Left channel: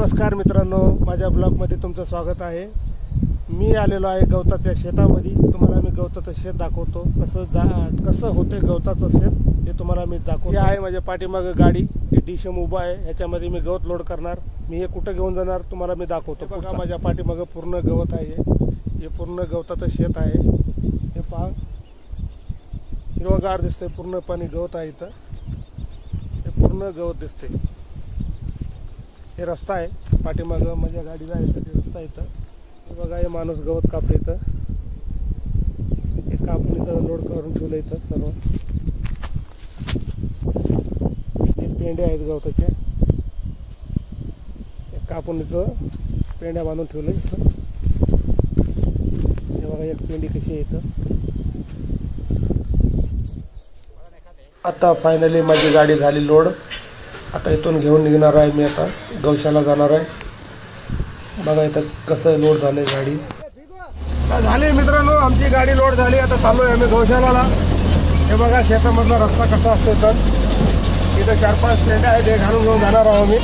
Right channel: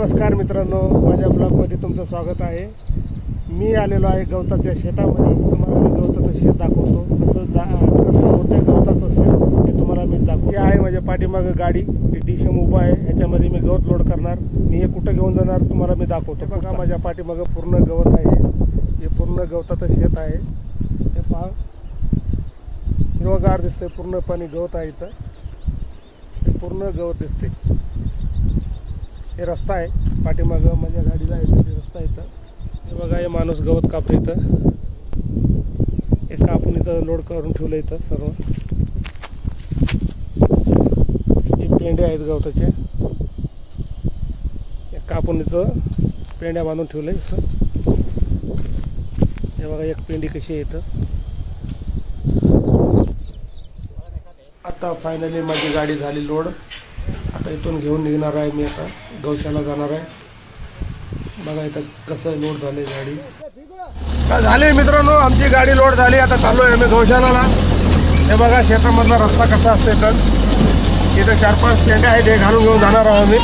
नमस्कार मित्रांनो, माझ्या ब्लॉगमध्ये तुमचं स्वागत आहे। मी आलेलो आहे गवताच्या शेतामध्ये। तुम्हाला मी गवताचं शेत दाखवतो, कसं होतं गवताचं शेत हे तुम्हाला मी दाखवतो। हे आहे माझ्या पाठीमागे गाडी, डिशम उभा आहे, ह्याच्यामध्ये मी गवत लोड करणार। मी हे कुठं घेऊन जाणार तुम्हाला मी दाखवतो। बघा माझ्या पाठीमागे पूर्ण गवत आहे, हे पूर्ण गवताचं शेत आहे। हे पहा, हिरवगार दिसते, पूर्ण पाणी गवत आहे इथं, हे पूर्ण गवत दिसते। हे रस्ता आहे पाठीमागं माझ्या गाडीला आहे, ते रस्ता इथं। हे बघा, हे माणूस गवत कापतो इथं, हे कापून इथं लोड करून ठेवलं इथं सर्व। हे पेंडे आहेत गवताचे, हे कापून इथं पेंड्या बांधून ठेवले असं। हे बघा एक पेंडी कशी आहे इथं। आता फायनली माझी गाडी झाली लोड। आता इथून घेऊन निघणार आहे मी, आता गौशाला जाणार आहे। बघा इथं कसं लोड झाले गाडी। झाले मित्रांनो, आमची गाडी लोड झाली। आता चाललो आहे आम्ही गौशालाला। हे बघा शेतामधला रस्ता कसा असतो इथं। इथं 4-5 पेंड्या आहेत, हे घालून घेऊन जाणार आहोत आम्ही।